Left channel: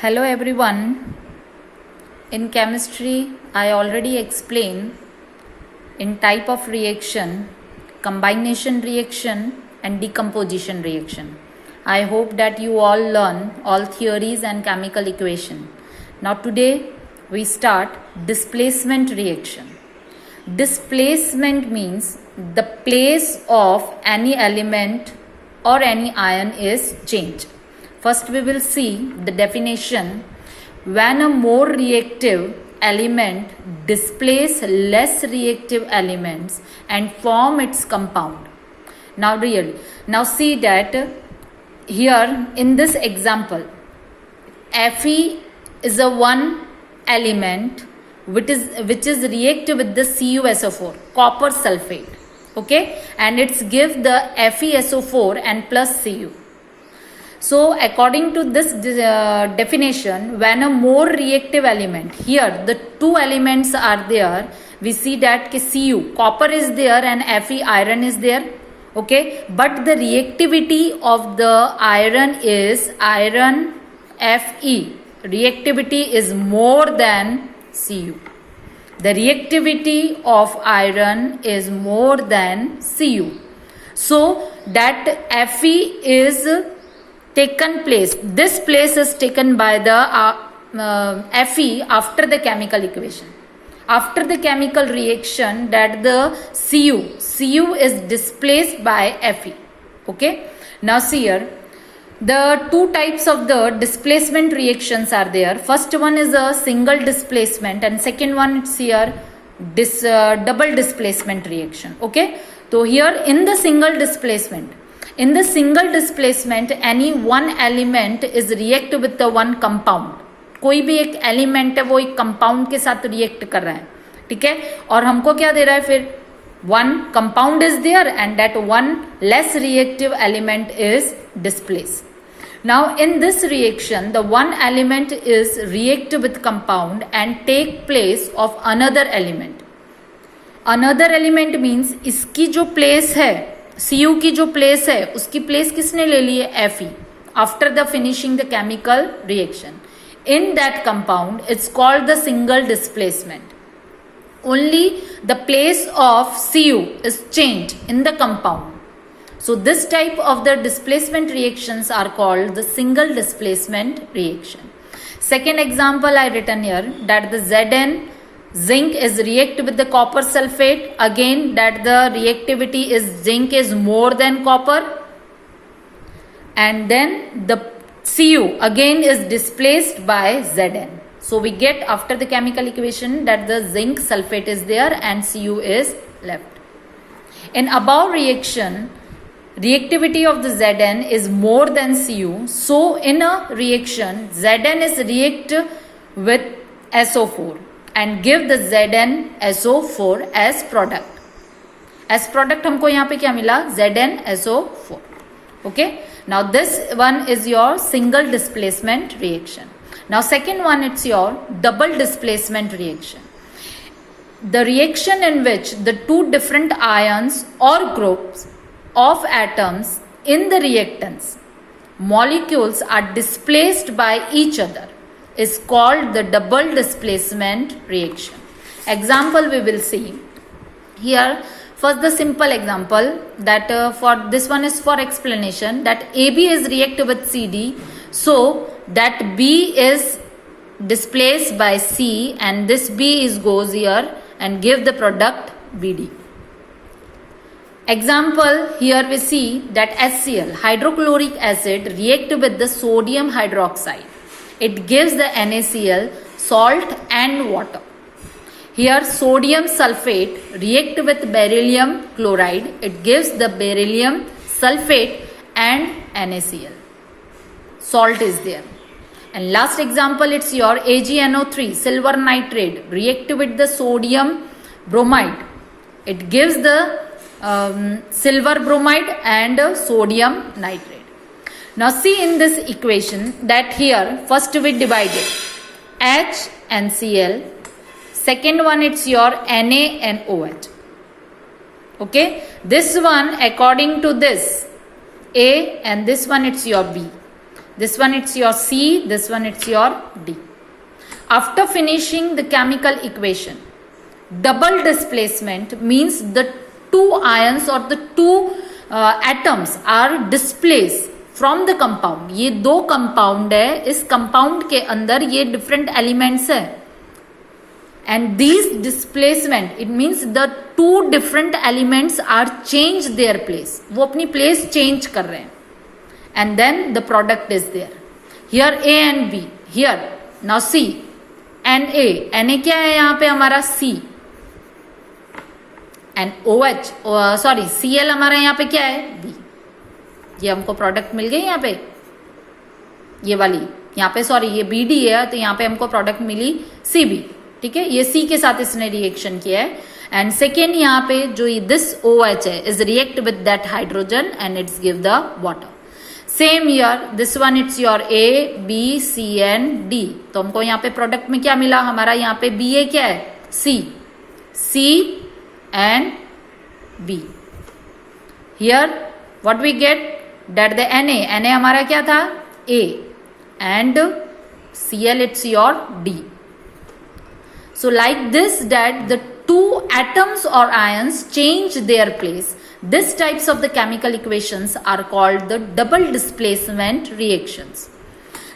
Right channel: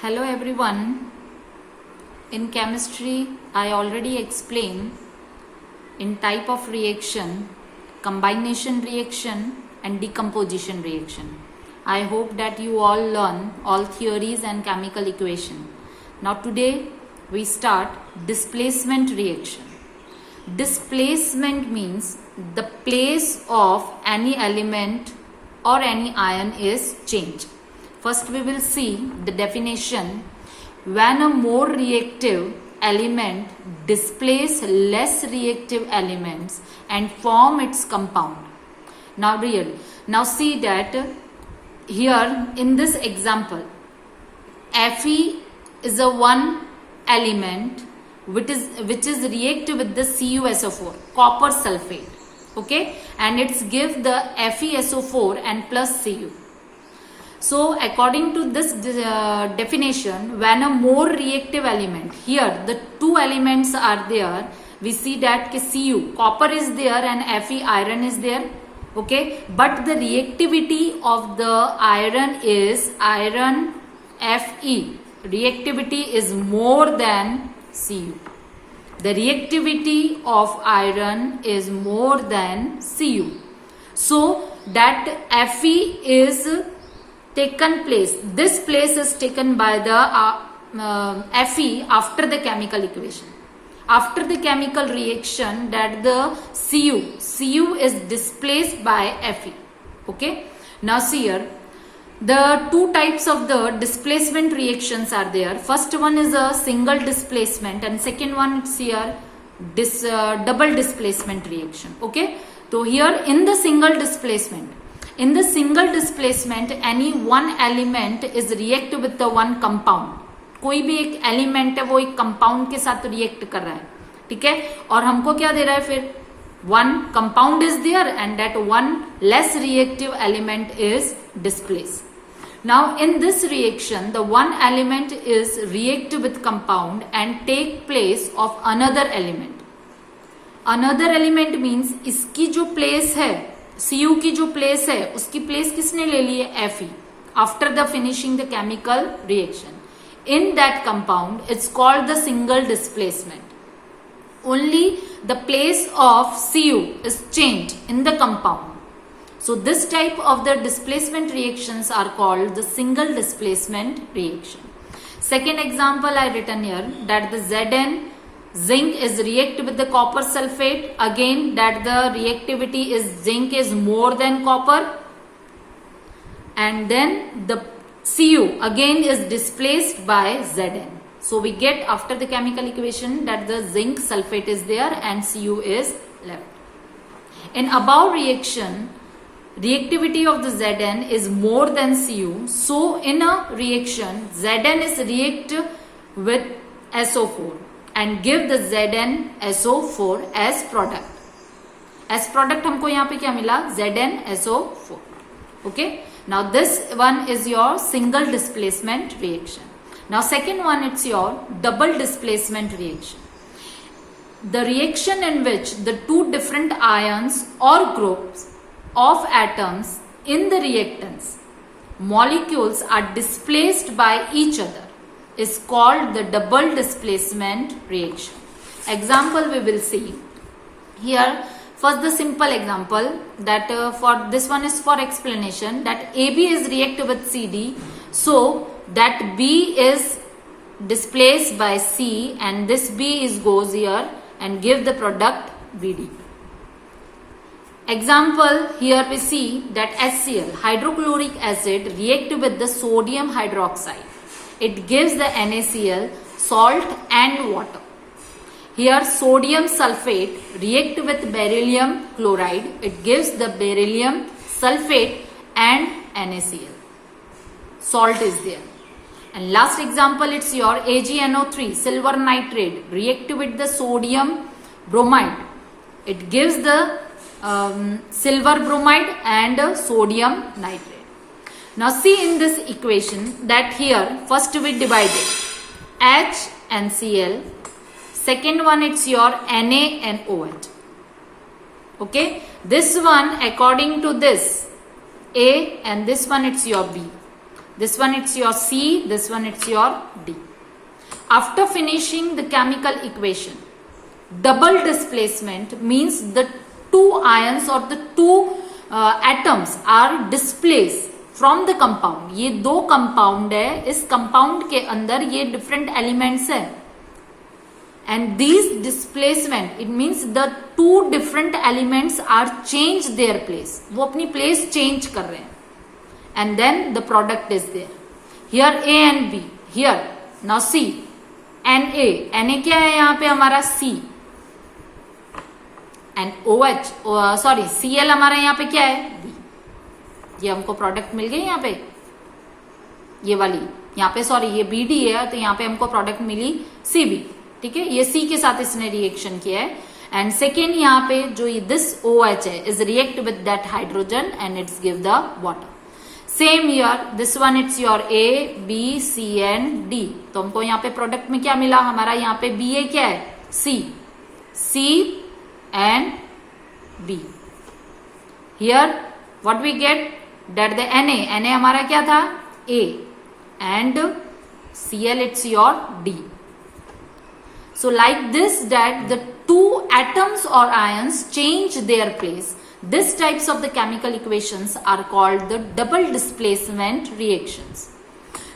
Hello everyone. In chemistry, I already explained in type of reaction, combination reaction and decomposition reaction. I hope that you all learn all theories and chemical equation. Now today we start displacement reaction. Displacement means the place of any element or any ion is changed. First we will see the definition. When a more reactive element displaces less reactive elements and form its compound. Now see that here in this example, Fe is a one element which is reactive with the CuSO4, copper sulfate, okay, and it's give the FeSO4 and plus Cu. So according to this definition, when a more reactive element, here the two elements are there, we see that Cu, copper is there and Fe, iron is there, okay, but the reactivity of the iron is iron Fe, reactivity is more than Cu. The reactivity of iron is more than Cu. So that Fe is taken place. This place is taken by the Fe after the chemical equation. After the chemical reaction, that the Cu is displaced by Fe. Okay. Now see here, the two types of the displacement reactions are there. First one is a single displacement and second one is here double displacement reaction. Okay. So here in the single displacement, any one element is react with the one compound. कोई भी एक element है वो एक compound के साथ react कर रहा है, ठीक है, और हमको क्या दे रहा है फिर one compound is there and that one less reactive element is displaced. Now in this reaction the one element is react with compound and take place of another element. Another element means इसकी जो place है, Cu की जो place है उसकी place किसने ले ली है? Fe. After the finishing the chemical reaction in that compound it's called the single displacement. Only the place of Cu is change in the compound. So this type of the displacement reactions are called the single displacement reaction. Second example I written here, that the Zn zinc is react with the copper sulfate. Again that the reactivity is zinc is more than copper, and then the Cu again is displaced by Zn. So we get after the chemical equation that the zinc sulfate is there and Cu is left. In above reaction, reactivity of the Zn is more than Cu. So in a reaction, Zn is react with SO4 and give the ZnSO4 as product. As product हमको यहाँ पे क्या मिला? ZnSO4. Okay. Now this one is your single displacement reaction. Now second one, it's your double displacement reaction. The reaction in which the two different ions or groups of atoms in the reactants molecules are displaced by each other is called the double displacement reaction. Example we will see here. First the simple example that for this one is for explanation, that AB is react with CD, so that B is displaced by C and this B is goes here and give the product BD. Example, here we see that HCl, hydrochloric acid, react with the sodium hydroxide. It gives the NaCl, salt and water. Here sodium sulfate react with beryllium chloride. It gives the beryllium sulfate and NaCl. Salt is there. And last example, it's your AgNO3, silver nitrate, react with the sodium bromide. It gives the silver bromide and sodium nitrate. Now see in this equation that here first we divided H and Cl, second one it's your Na and OH. Okay, this one according to this A and this one it's your B. This one it's your C, this one it's your D. After finishing the chemical equation, double displacement means the two ions or the two atoms are displaced from the compound. ये दो compound है, इस compound के अंदर ये different elements है. And these displacement, it means the two different elements are changed their place. वो अपनी place change कर रहे हैं. And then the product is there. Here A and B. Here now C and A. Na क्या है यहाँ पे हमारा C. And OH, Cl हमारा यहाँ पे क्या है B. ये हमको प्रोडक्ट मिल गई यहाँ पे, ये वाली यहाँ पे ये BD है तो यहाँ पे हमको प्रोडक्ट मिली CB. ठीक है, ये C के साथ इसने रिएक्शन किया है. एंड सेकेंड यहाँ पे जो दिस OH है is react with that hydrogen and it's give the water. Same here, this one it's your A, B, C and D. तो हमको यहाँ पे प्रोडक्ट में क्या मिला, हमारा यहाँ पे BA क्या है C and B. Here what we get that the Na हमारा क्या था A and Cl it's your D. So like this, that the two atoms or ions change their place. These types of the chemical equations are called the double displacement reactions.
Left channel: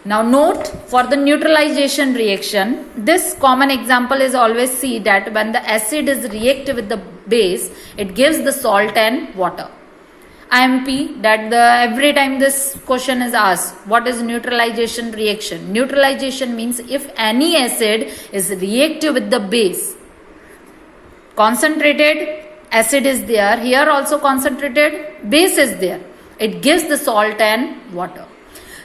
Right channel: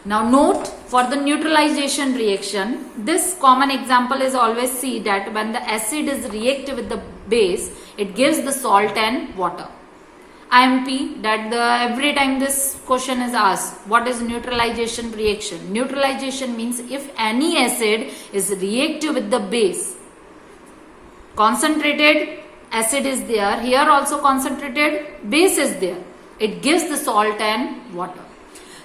Now note for the neutralization reaction, this common example is always see that when the acid is react with the base, it gives the salt and water. IMP, that every time this question is asked, what is neutralization reaction? Neutralization means if any acid is reactive with the base, concentrated acid is there, here also concentrated base is there, it gives the salt and water.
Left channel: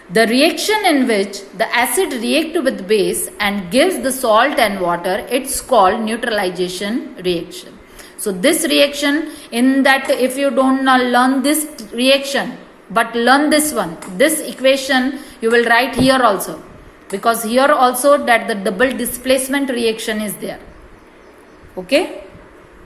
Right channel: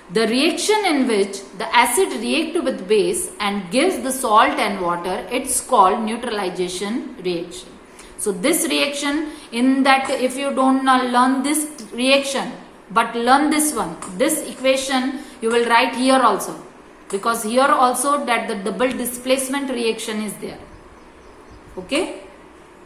The reaction in which the acid react with base and gives the salt and water, it's called neutralization reaction. So this reaction, in that if you don't learn this reaction but learn this one, this equation you will write here also, because here also that the double displacement reaction is there. Okay.